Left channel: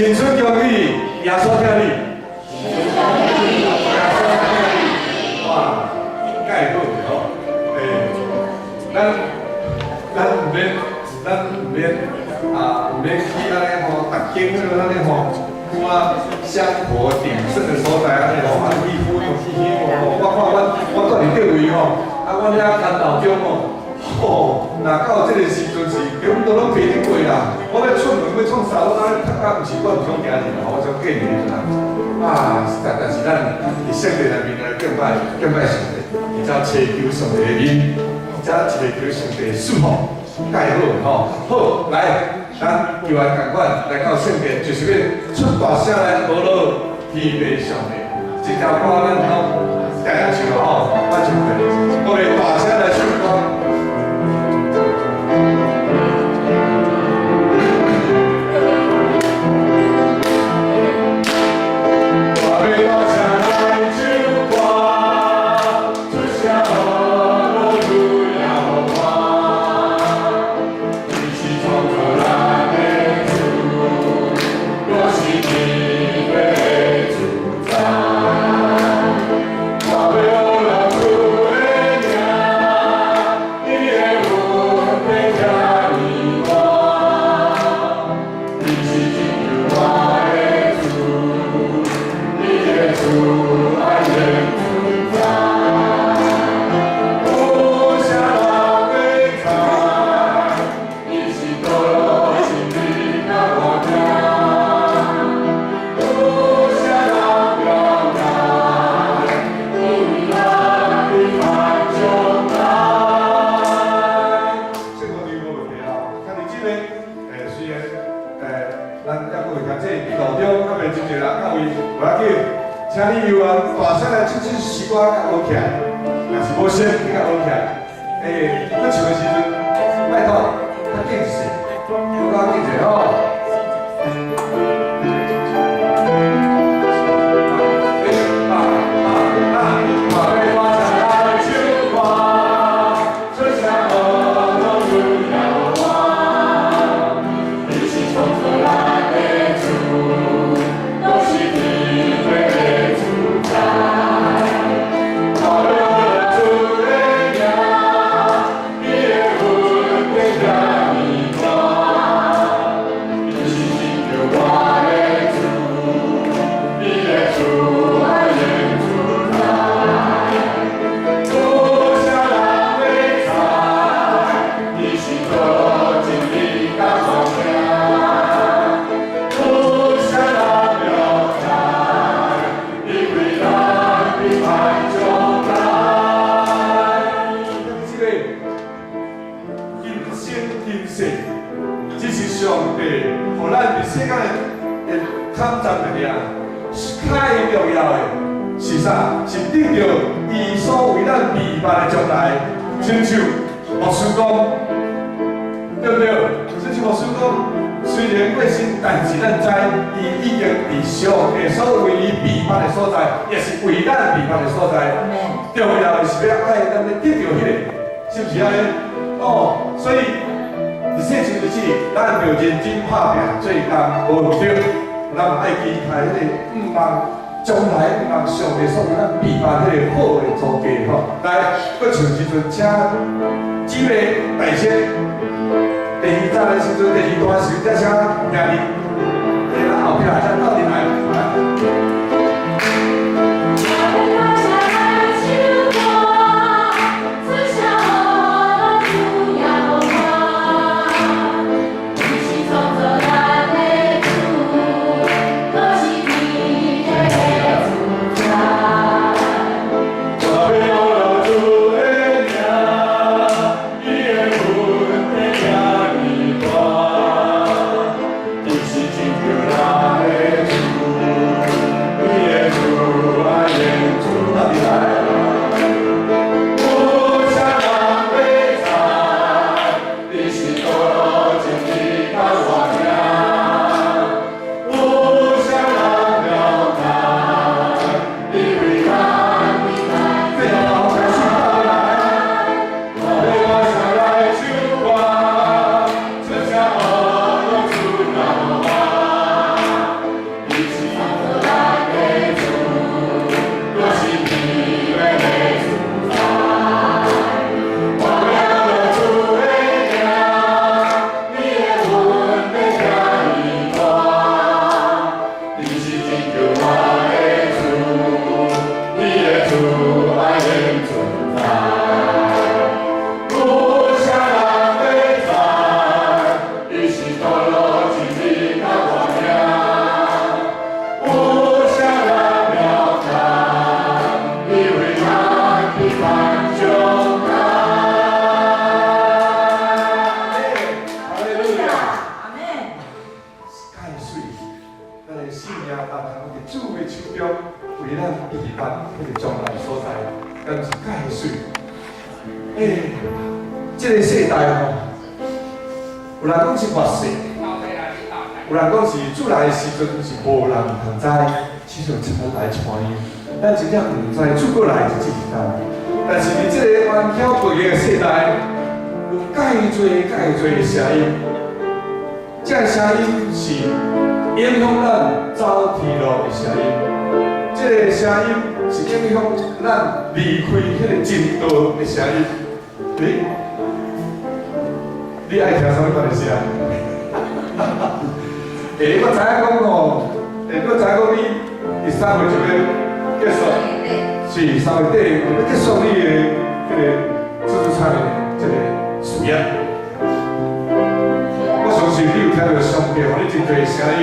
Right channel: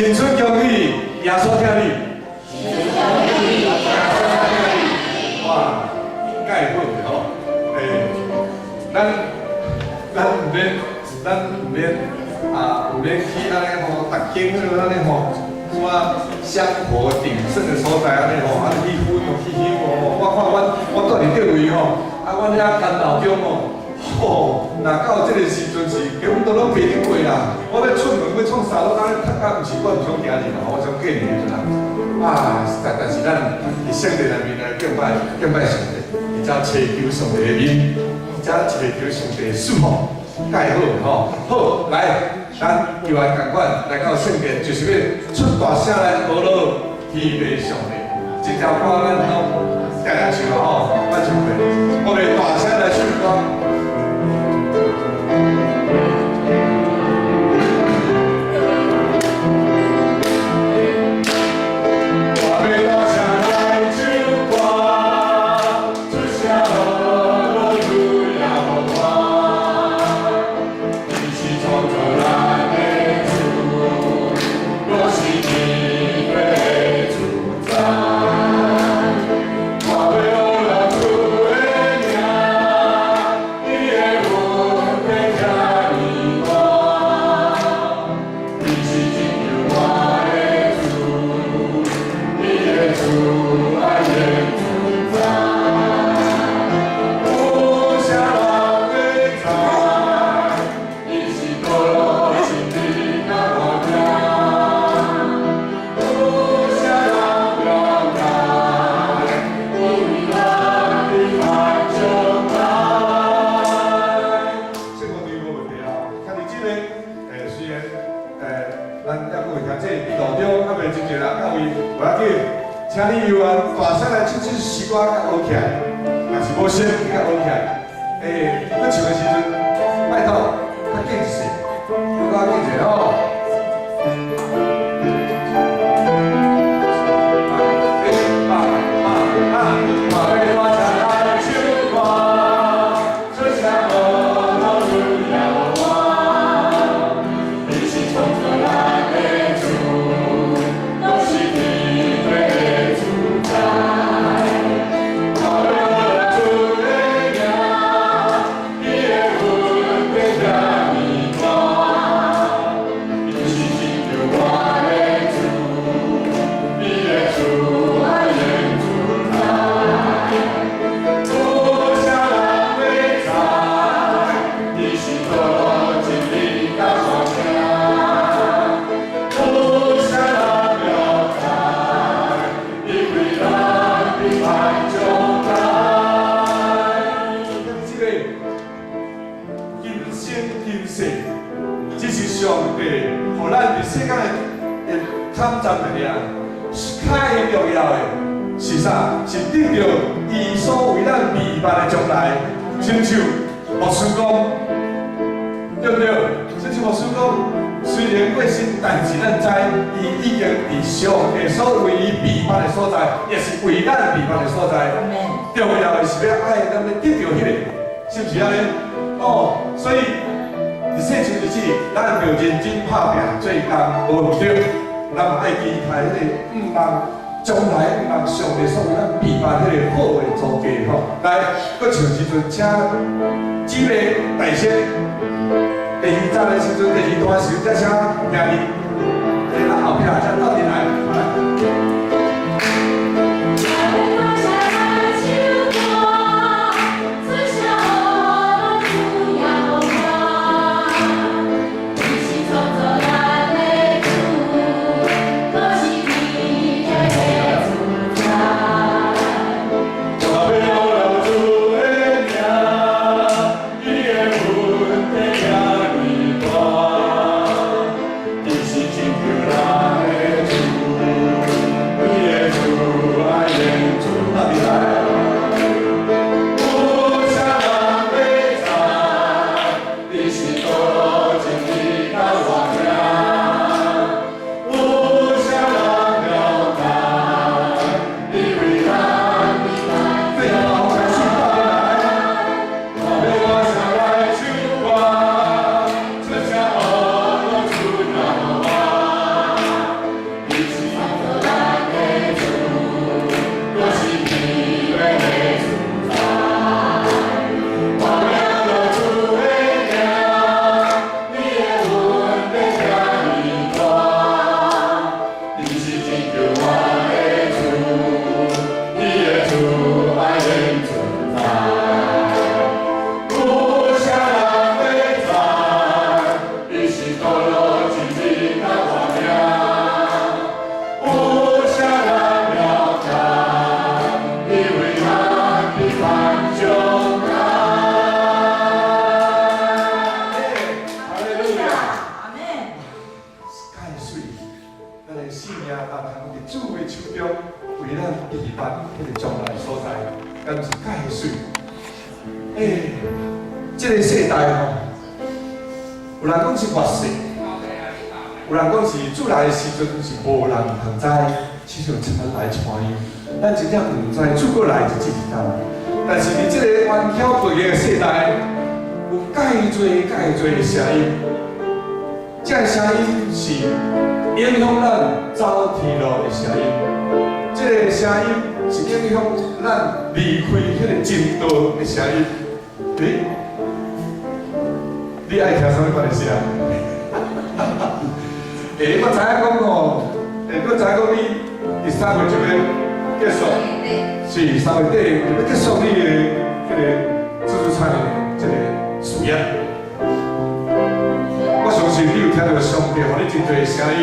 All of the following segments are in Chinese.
新春恭喜，耶稣听你。哇，介好着吼，咱唔免唔免去安尼吼，逐间去安尼吼，看香火鼎盛的所在安尼吼，安尼去呼去香吼。我看我住伫倒位吼，阮遐干道中吼，若到即个时阵是根本都拢袂得过啦。我要出门要创啥，我当然毋是我毋想行入啦，我想过年啦。但是咱伫圣地内面来敬拜上帝，而且祈求上帝的面，而且祈求上帝的祝福。介好吼，好来，咱又来共款来到圣殿，就是要出大声来号乐祈拜上帝。这条歌咱拢定定唱吼，我唱过，我们大声来唱歌。是咱的性命也通伫主的手中，为咱期盼迄个将来所在，敢是介水。这个世代吼，有人讲是末世，有人讲是主来的时阵是无人通知，只像传来传去，咱真正唔知主过来是一日到。但是伫这个冤巧背的世代，有介多的声音，这个声音是影响咱走天路的声音，这个声音是影响咱离开迄个正道的声音。你爱听什么款的声？我知影讲吼，我知影讲你第3月就要结束，是3月底要结束你的迄个自助餐的这个事业。我相信你有听到上帝互你真多的声音，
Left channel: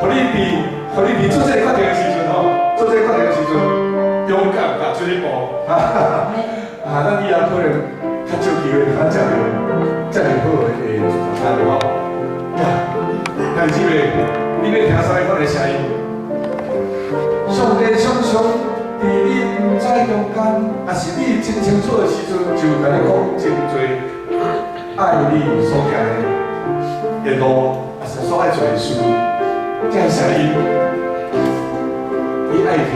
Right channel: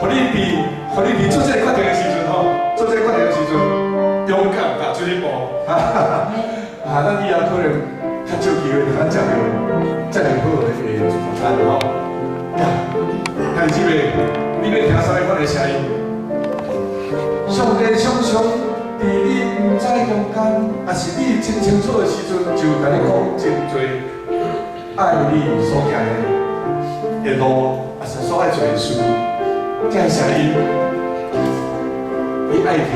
互你做这个决定的时阵吼，做这个决定的时阵，勇敢踏出一步，咱以后可能较少机会通食到遮尔好的自助餐吼。但是姊妹，你要听啥物款的声音？上帝常常伫你唔知中间，也是你真清楚的时阵，就甲你讲真多爱你所行的路，也是所爱做的事。这个声音，你爱听，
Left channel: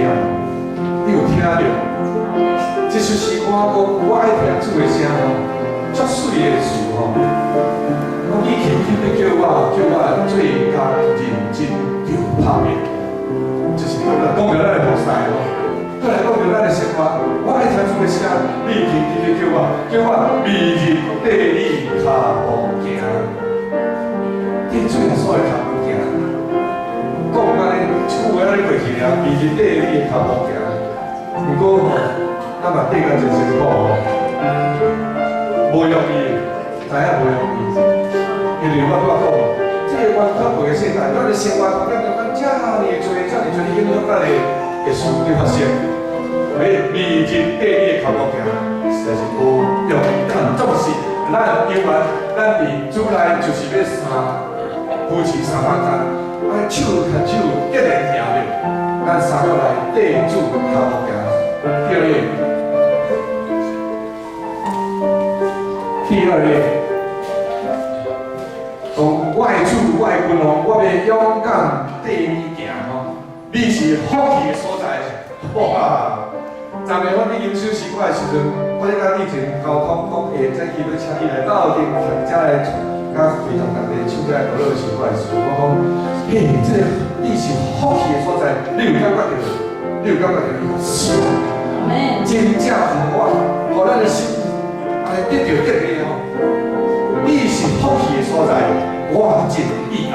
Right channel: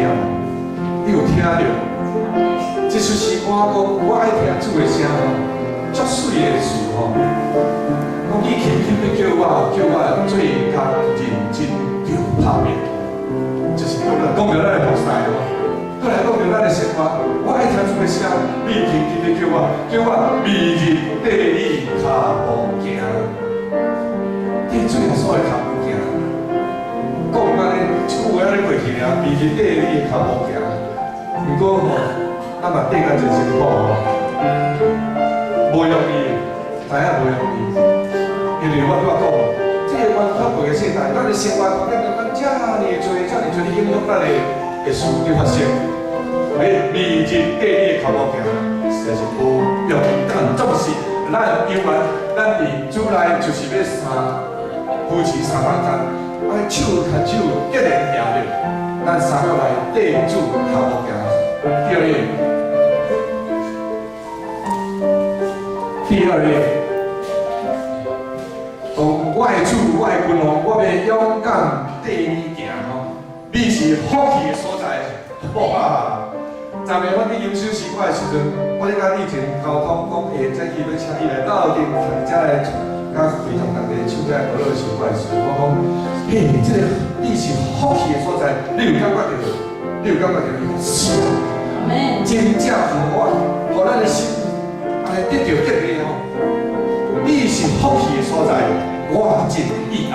你有听到？这首诗歌讲，我爱听主的声吼，足水的事吼。讲你轻轻的叫我做甲认真就拍拼，就是讲明咱的服侍吼，再来讲明咱的生活。我爱听主的声，你轻轻的叫我每日缀你脚步行，跟主耶稣的脚步行。讲安尼，即句话安尼过去尔，每日缀你的脚步行。不过吼。咱嘛对咱真辛苦吼，无容易，知影无容易。因为我拄仔讲，这个冤巧背的世代，咱的生活环境中间遮尔多影响咱的事情发生。每日缀你的脚步行，实在是无容易。但总是咱永远，咱伫主内就是要夫妻三人站，爱手牵手结连行着，咱三个来缀主脚步行。第二页，讲我的主，我的君王，我要勇敢缀你行吼。你是福气的所在，哇！昨暝我伫营收时我的时阵，我咧甲你前沟通讲，这伊要请你来斗阵，遮来甲会堂内底唱歌讨论时，我的时阵，我讲，嘿，这个你是福气的所在，你有感觉到？你有感觉到？是，真正互咱的心。得吼，你是福气的所在，我真意爱。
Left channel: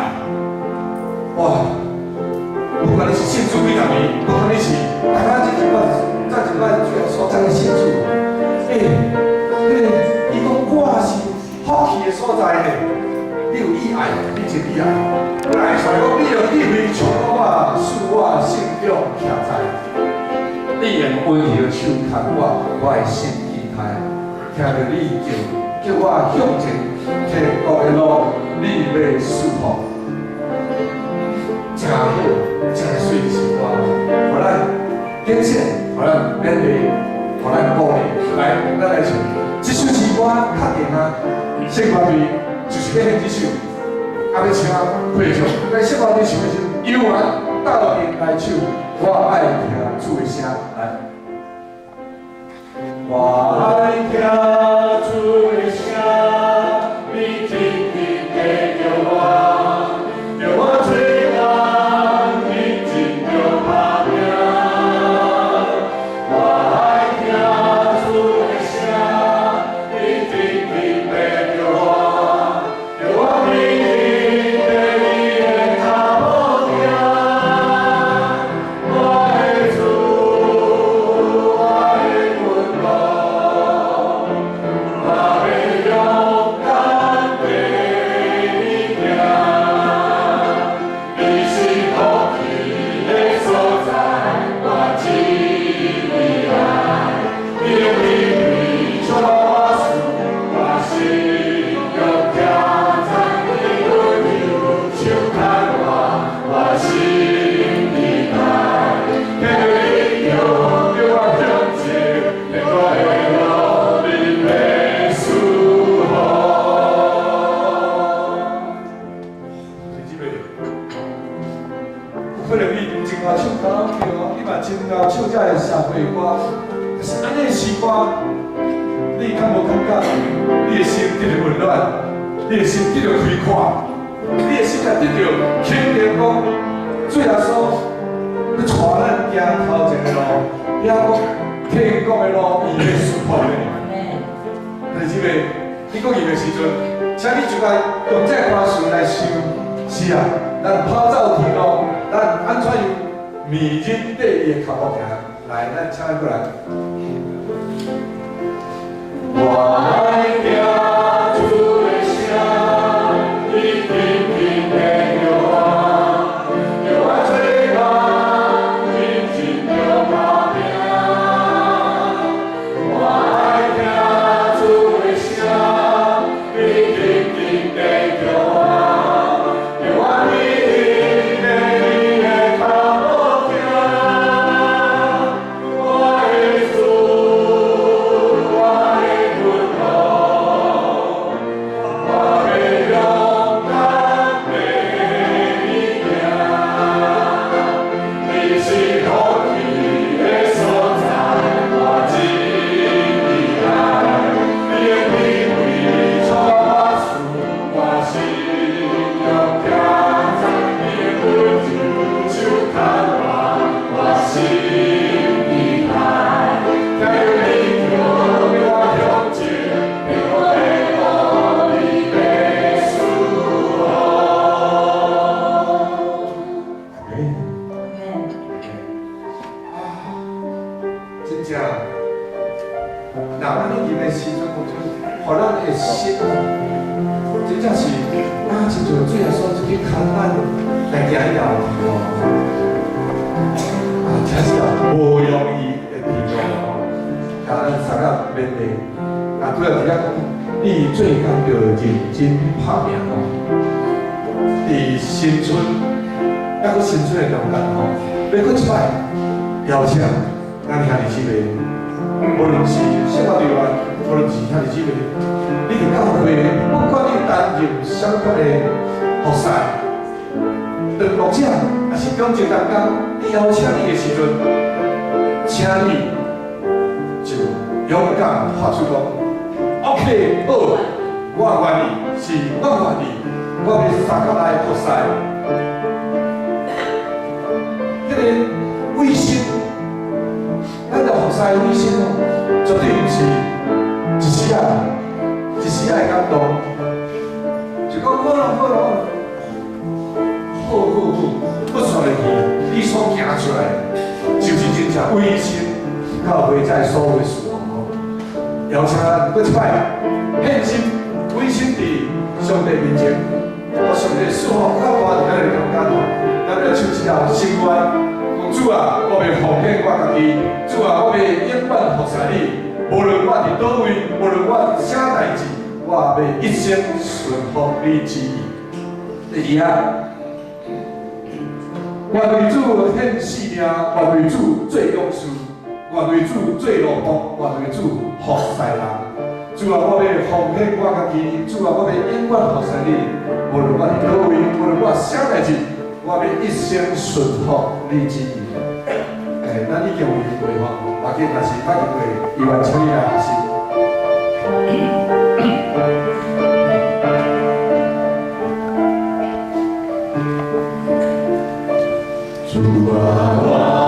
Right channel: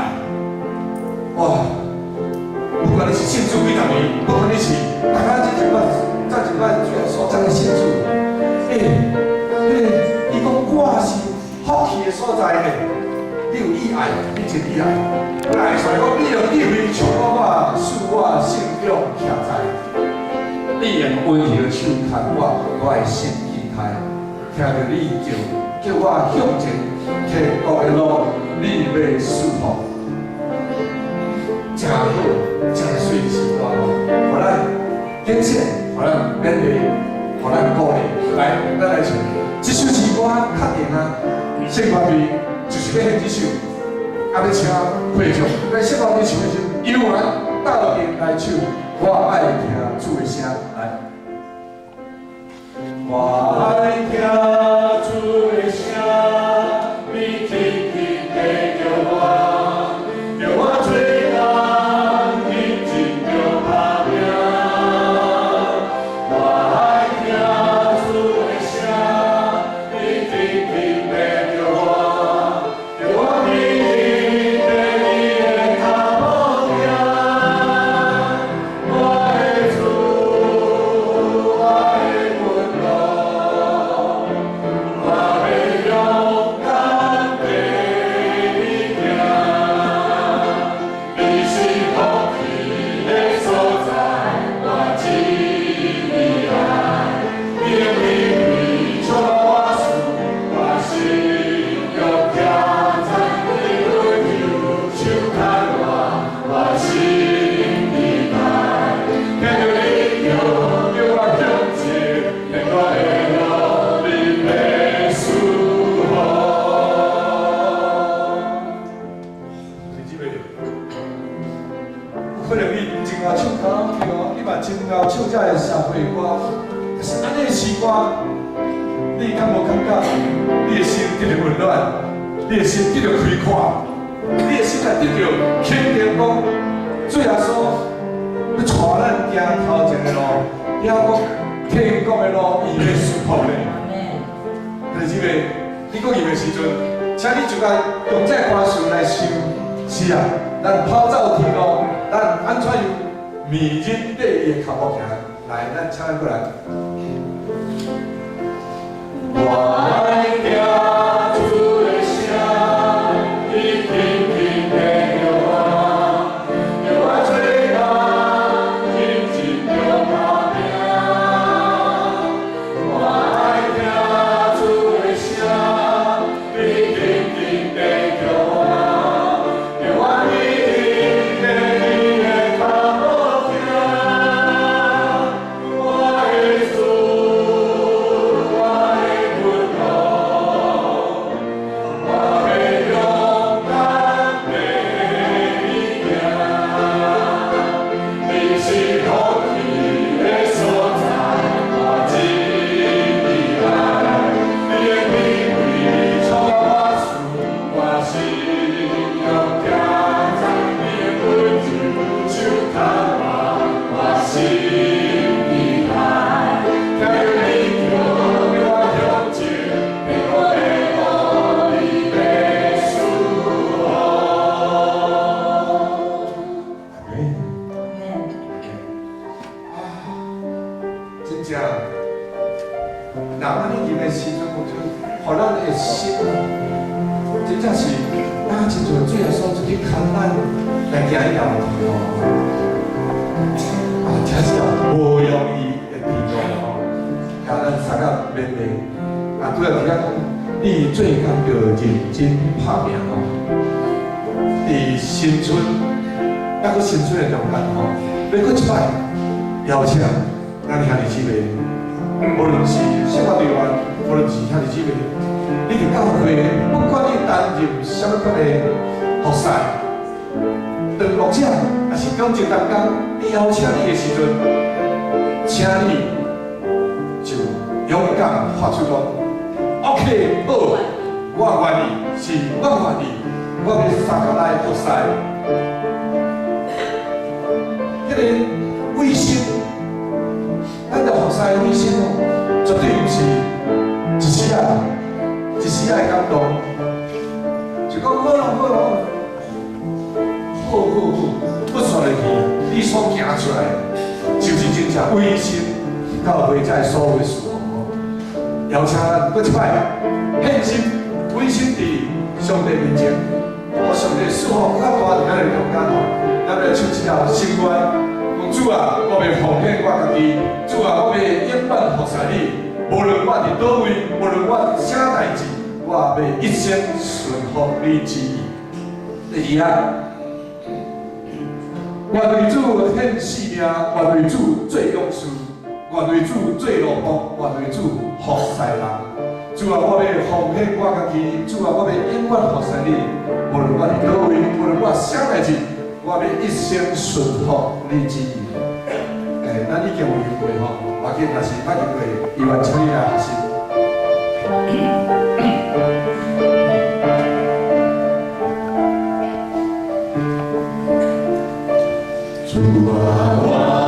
哇！不管你是信主几十年，不管你是大家这一摆最所在的信主，伊讲我是福气的所在嘞，你有意爱，你真意爱。来出来讲，你用你为唱我，使我心中徛在，你用温柔手牵我的心期待。听到你叫我向前提高的路，你要赐福，真好，真水的生活，互咱坚持，互咱勉励，互咱鼓励。来，咱来唱这首诗歌，确定啊，生活队就是要唱这首，要请会众来生活队唱的时候，悠然斗阵来唱，我爱听主的声，来。我爱听主的声，你轻轻地叫我做人认真着打拼。我爱听主的声，你轻轻地叫我每日缀你的脚步行。我的主，我的君王。可能你真好唱卡拉 OK 哦，你嘛真好唱这个社会歌，但是安尼的诗歌，你敢无感觉？你的心得到温暖，你的心得到开阔，你的心也得到肯定讲，主耶稣，你带咱行头前的路，也讲天国的路，伊会舒服的。但是妹，你讲伊的时阵，请你就该用这歌词来想，是啊，咱跑走天路，咱安怎用迷人得意的脚步行？来，咱请咱过来。我爱行。邀请咱兄弟姊妹，无论是生活队员，无论是兄弟姊妹，你伫教会，不管你担任什么款的服侍，当牧者还是讲正当工，你邀请你的时阵，请你就勇敢发出讲 ，OK， 好，我愿意，是我愿意，我要三角来服侍。迄个卫生。咱着服侍卫生哦，绝对毋是一时啊，一时啊的感动，就讲好咯好咯，好，不算落去，你所行出来，就是真正卫生教会才所有的事奉哦。邀请咱搁一摆献心卫生伫上帝面前，我上帝赐福较大伫咱的中间哦，咱要唱一条心愿。主啊，我要奉献我家己。主啊，我要永远服侍你。无论我伫倒位，无论我啥代志，我要一生顺服你旨意。第二啊，我为主献性命，我为主做勇士，我为主做奴仆，我为主服侍人。主啊，我要奉献我家己。主啊，我要永远服侍你。无论我伫倒位，无论我啥代志。我要一生顺服你旨意。咱已经有认过吼，或者若是捌认过，伊愿请你来学习。主啊，我。